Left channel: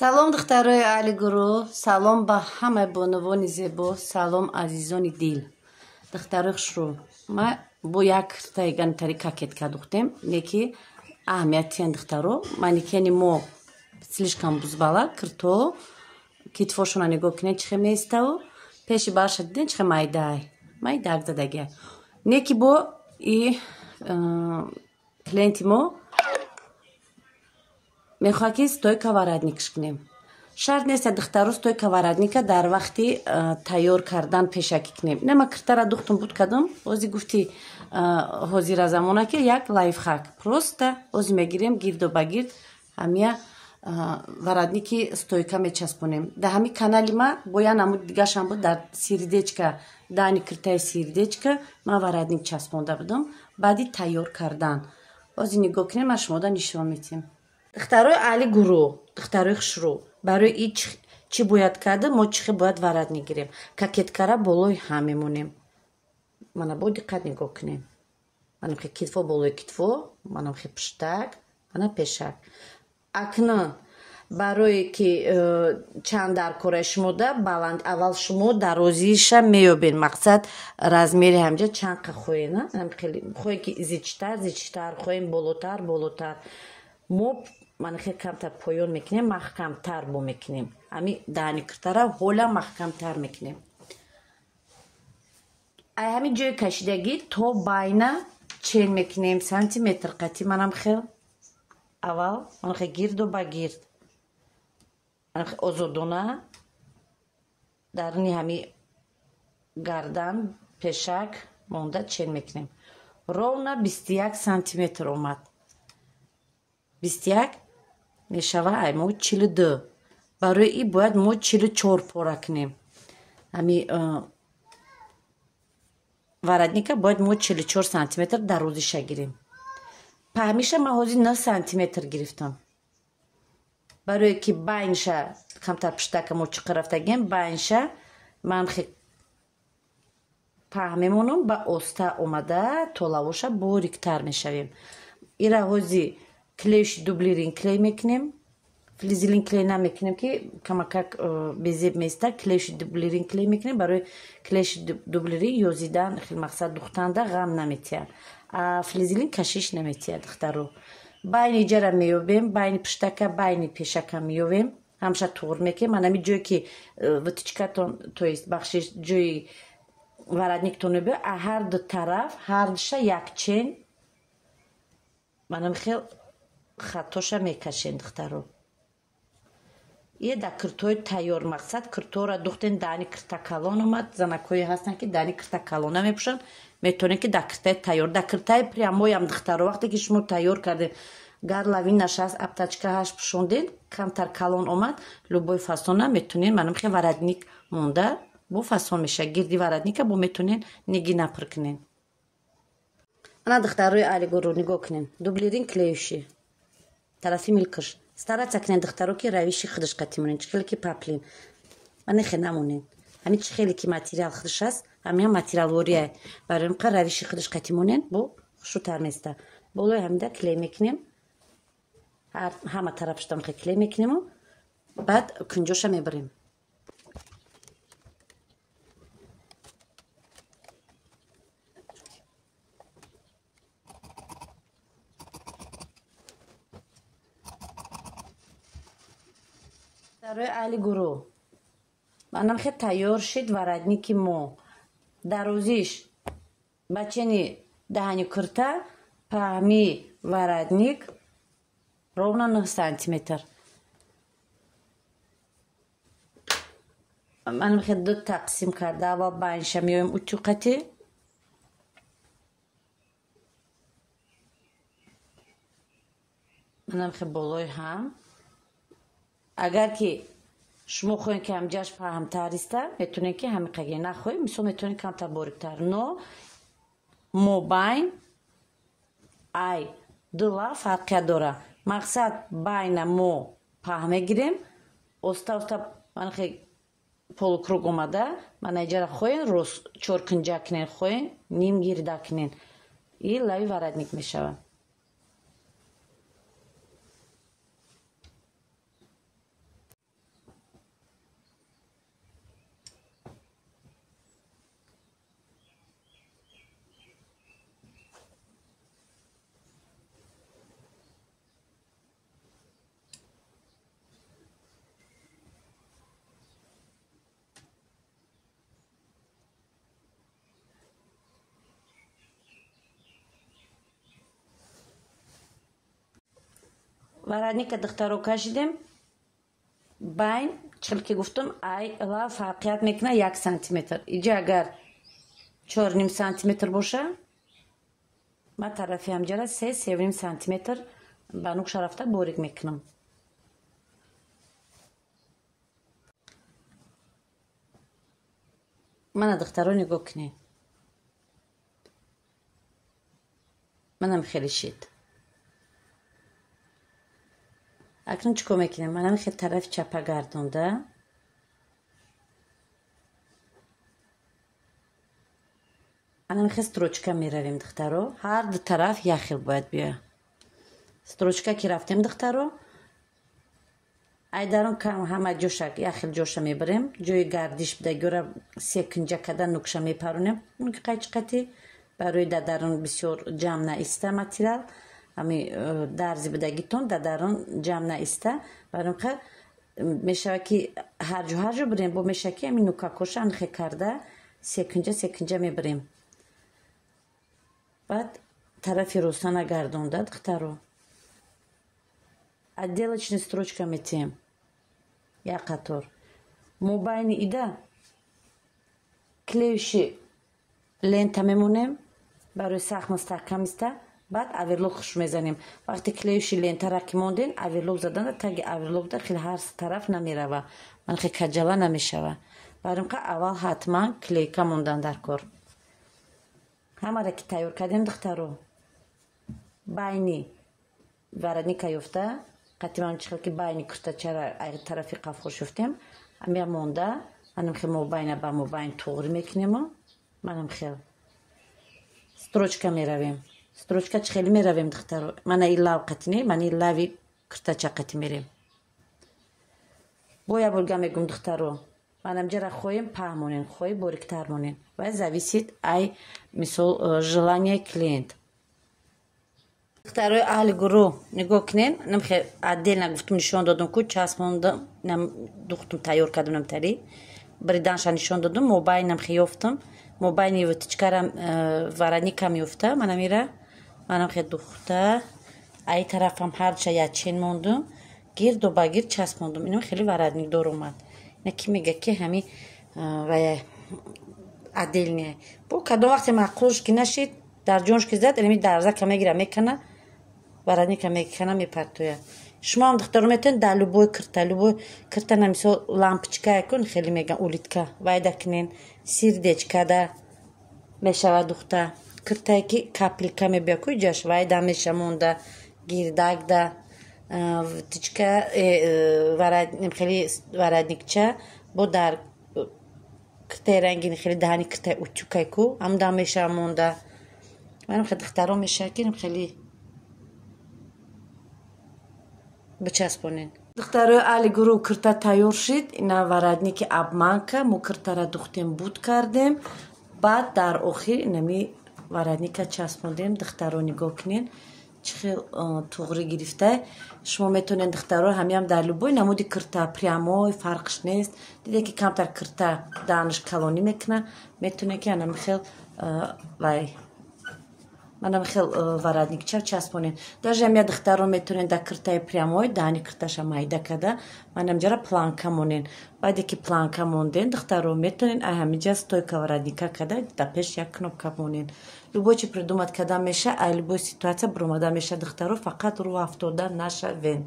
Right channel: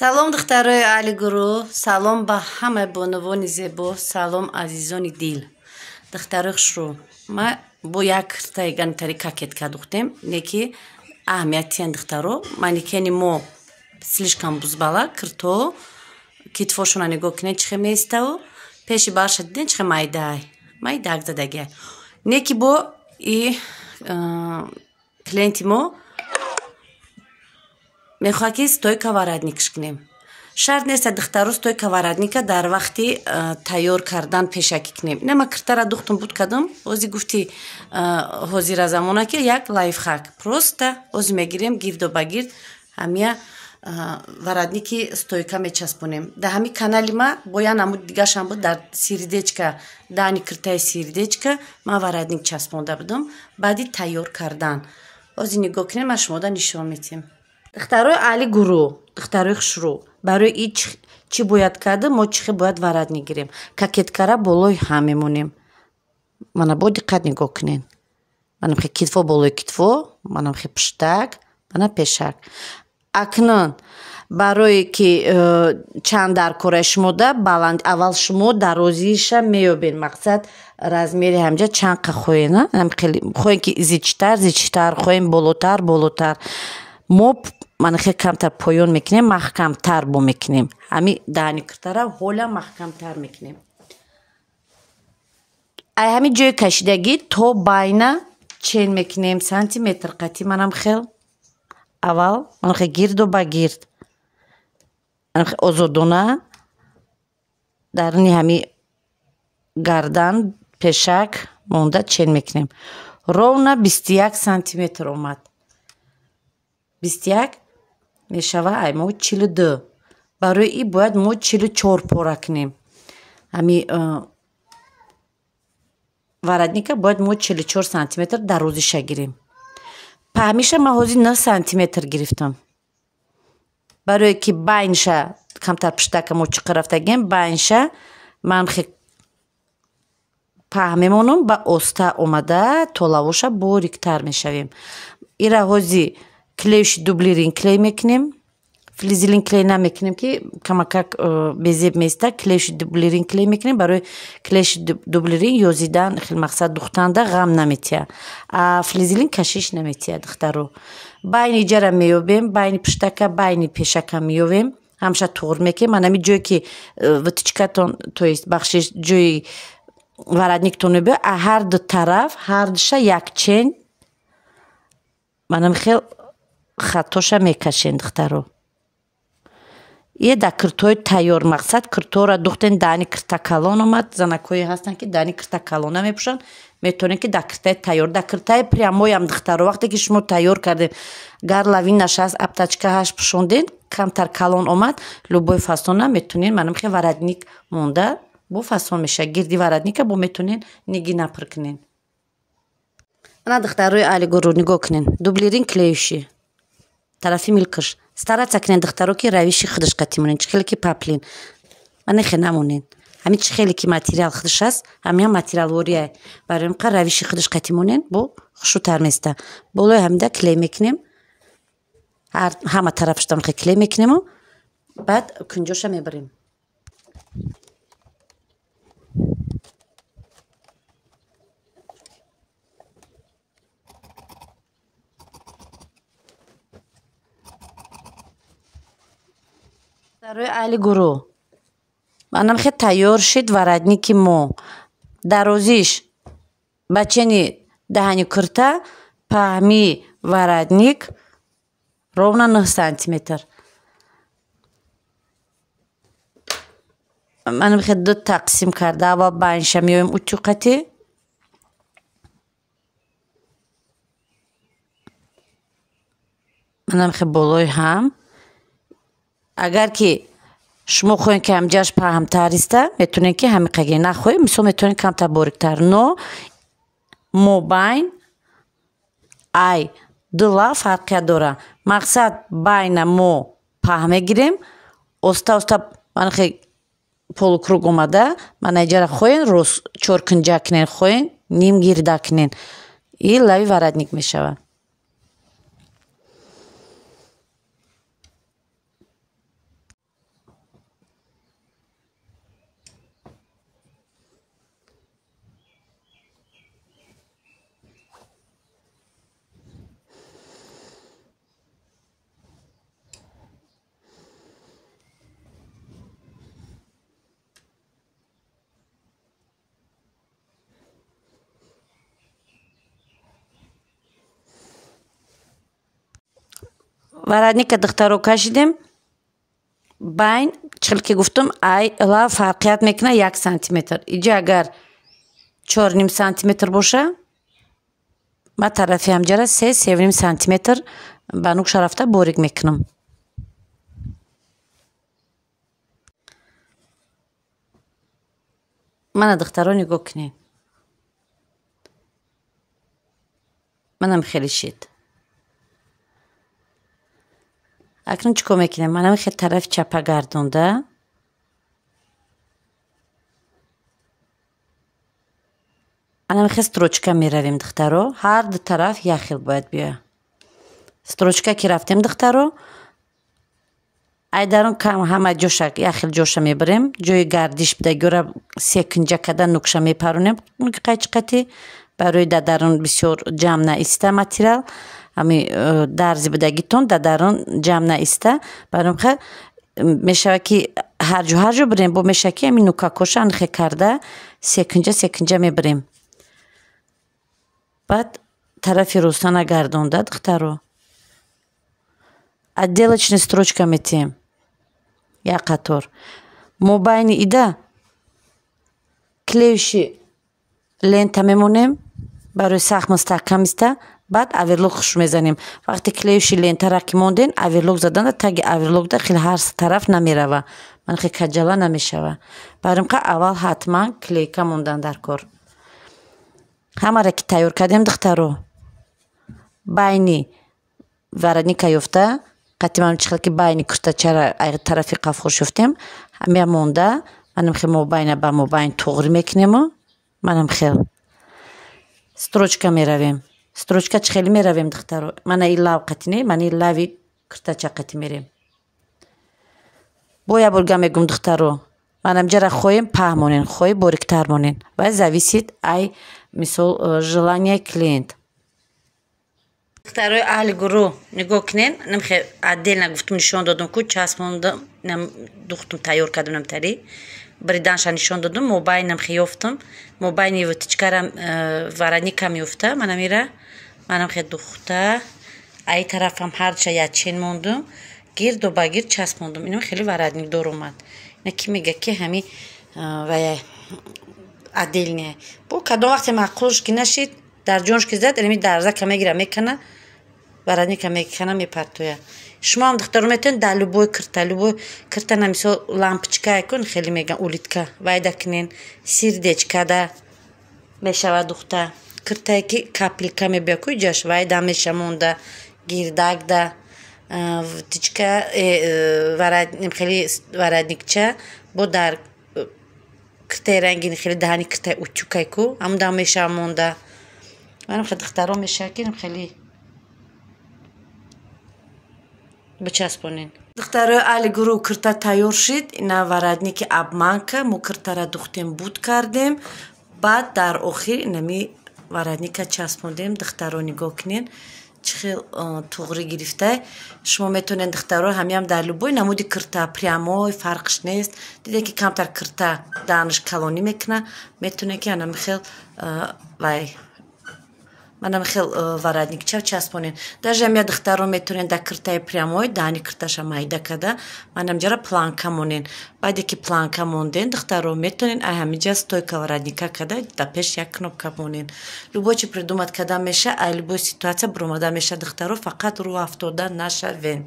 салом духтарои аҳли гурӯҳ, салом ба ҳама бонувони зебо, салом азизони дил. Духтарои хушрӯ, ма бо як киртаи ганитари кокетка духтем, неки аҳамиятиян духтаро, маникени мо слишком бузбала, кирто, китфошуна нигоҳ кинен чихе меиставу, пеши барша диден чихе майдай, майдак задагия. Неки бо и клиенти мо мехоҳад ки стойка варадникш кунем. Шарт нест духтаро стойка варадника дар вақти тайёр кардан пешакӣ кунем. Нема киртара духтум буд кадам, ози гуфти ҳозира замона ки як лайфхак. Просто ози мегирем гирдо ба гирд ҳамия варадники стойка мечаспонем. Дар ҳами канали ма бо як намуди дигашам буд, дар сиридечка, даъни киртаи сиридечка ман варадник часпонда будам баъди тайёр кардан. Ози нигоҳ кунем, ма шумода нишон медиҳам. Духтарои аҳли гурӯҳ, духтарои хушрӯ, барои ин чӣ бояд карда, мо чихе бояд варадник гирем. Кокеткара болои ҳам мемонем. Мана бо диққат нигоҳ кунен. Мана хе китфо болои китфо, мана хе пуштак, мана пешак. Акнун барое ки чанд дар кораи шумо да баланд, аввал шумо дарозиша меёбед. Мақсад размери ҳамҷа чанд қа хоҳем, хоҳем ки зичтар, хоҳем болотар. Мо манахе камтар поён мекунем, маҳкамтар бо мекунем. Ҳами даъни киртара ҳола маҳкамтар мекунем. Ай ҳами ҷои кашидагӣ то байна чен мекунем сантиметр қатӣ. Манам хел аввал манахе гирду ба гирд, манахе озодона дарни ҳами гардан пешак монда чен мекунем. Ровна 21 сантиметр омад. 21 мешава ай мо 42. Барои ин бояд мо 44 пора кунем. Ҳами варадника бояд мо 44 сантиметр дарозиша гирем. Паҳмиша ма ҳозир 9 сантиметр гирифтам. Барое ки байнша камтар пуштака мо чиқа рафтагем, байнша ман хе паҳ мемонам, ба оста омада то лавоша бориктар мешавем. Ира ҳозир клеиши дублирин клей мекунем. Флизелин клей намекунем ки камакак безеб меиста. Клеиши дублирин клей мекунем. Барои клеиши дублирин ёзидан хел мақсад духтанда ғам наметия. А флизелин кашиш наметия духтаро. Байни ҷара меёбем, байни пуштака, байни пешака меёбем. Ҳамша туғр мекунем. Манами ҷое ки ватичкатон, то есть бахшиш ҷои варадниктон мебиё, а ҳар ду тараф, ҳар душа як чен. Манам хел хаттоша мекашем духтаро. Е да киртои тайёр, мақсад киртора духтен даъни кирта калон омад. Занакҳое ҳастанд ки даъни кирта калон намепӯшанд, метавонем ки дар киртаи тайёр, дар киртаи прямоям духтаро вақте ки шумо тайёр кардем, гар лавинаш аст, аптачкааш пӯшонден, камтар калон омад, любой фасона метавонен, манам хе варадник монда бо фасон меша. Гирди варадника бо метавонен ниги напр кунен. Ана духтарои аҳли гурӯҳ нигоҳ кунен. Дублирин клеиши тарафи милкаш стараться кунен духтаро ки равиши худаш қатӣ монен. Чихеле ки паплин мане хе намонен. Ҳами чихеле ки материал худаш аст, ҳамия материалвория барои қа равиши худаш қатӣ монен, бо хушрӯтар места. Болои ҳамида клей мекунем. Ҳама тарафаштам хе клей мекунему, баъд кунҷоша мебарем. Духтарои аҳли гурӯҳ, манам хе тайёр шид варадники мо. Дарозиш ба чени даҳани кирта, паҳми варадник ровна 9 сантиметр. Манам хе ду тақсим карда, аввал байнша меёем утюқати. Манам хе болои ҳам. Агар ки шумо хоҳем ки ҳамҷаш паҳмтар иста, метавонем ки ҳамиқаги нахоҳем, мисол метавонем камтар бориктар. Но мобайн ай ду лав фарқият дора. Мақсад байна мо паҳ мегирем, оста манахе полукруг омада, мана ҷара хоҳен рост чоркунҷа кунен, хоҳен ним гирда кунен. Ин лави варадник мешавад. воротника духтаро кашидем байн чихел ки гуфтам ай ла фарқият мекуна 1 сантиметр. Иҷа агар 4.5 сантиметр боша ва тарафи ҳамҷара 3.5 сантиметр ба нуқша рафта борик мекунам. мана духтаро нигоҳ кунед. манам хеле шид. акнун чӣ кор мекунем? манам хеле тарафи чапа гардонда анам хеле строчка меравем духтаро. ҳар ду тараф як хел бояд биёя. строчка ки рафтем духтаро айдарон кам ҳама ҷоша як хел ҷоша мебарем. ҷои гардиш бидагиёра секунҷа када нуқша мепаронем. қайчиқати барои дадарон бисёр ҷамъ наиста материал ами дарзи бидагитон дадарон ҷамъ наиста баромха мешава ки ҳарҷо барем бо меша ки ами нукакоша анхе карда секунҷа мебарем. баъд тарафи рӯстана гардонда духтаро отделочный строчка метиҳем як қатор. мобайни ида клеюши лента мемонем барои сахт мустаҳкам иста. баъд оверлок хуш мезанем. вақте клеюши лентара ки монден оверлок заданда таги оверлокда хеле ҳар тараф намерава. ман хеле каҷала намешава. баримқа аввал ҳатман клейка мондан дар кор. ҳамаро ки тайёр кардем духтаро байни воротника ёфта қатиман чихел ки байни куртачара тарафи қафхош ёфтем ҳамя монда манам хел мобайна ба мобайн туғри мекунемо. манам хел строчка меравем. строчка чӣ хеле меравем духтаро? мана ин лав қатине ман ин лави куртача қати мерем. бо як бурга мегум духтаро манам ҷара хоҳем паҳ монен хоҳе бориктар монен ва зависит ай мисол желание клиент. духтарои аҳли гурӯҳ нигоҳ кунен. намхе отдельно гуфтум нишон додам ку часпондам духтум тайёр кардам намтари бриданша нишон додам. мобайнам хе ёфтам. мобайни втичкарам воротникам ёфта. манам хе духта ай тарафам ҳарча ячен мондум гирду ба гирд часпондум. инам хеле воротникдор омад. ина ки мега ки ҳами вая отдельне бо кадом вақте маъқулш ки нашид дар ҷонш ки зад инами дарзака мегира мекана воротника мекана мепартоя. шумоам духтаро метавонед дар любой кирта на мисол лампочка кун хеле меган улитка вайда кунен сердечкада мешава духта киртае ки капелка мебия ку ҷаш вайда меша монда гирдакда втичка хеле воротникча бо дар киртаи рангини хеле даҳани киртаи утюкай ку ҳамуда меша монда. манам хеле духтаро мешава ки хеле бичаспонен. духтарои аҳли гурӯҳ кирта тайёр шид. ина воротники обманка мо киртара духтем буд кардем. баъд дар охир инами воротника часпондем. духтаро нигоҳ кунен чӣ хел туғри гирифта. шумо метавонед духтаро ҳамиам дар любой намуди кирта прямой фарқш нест. диде ки камтар кирта даҳанаш калонӣ мекуна метавонед ки анам хел вай манам хел воротникча часпонен. даже ҳамия духтаро метавонед дар киртаи прямой даҳани кирташа майда када манам ҷара планка монен. баъде ки планка монден духтаро метавонед ай ҳамиҷа стойка воротника када дар пеш як кнопка монен. любой чи придумат када меша ай любой ситуация буромада меша духтаро фақат рӯ афтода нашавем.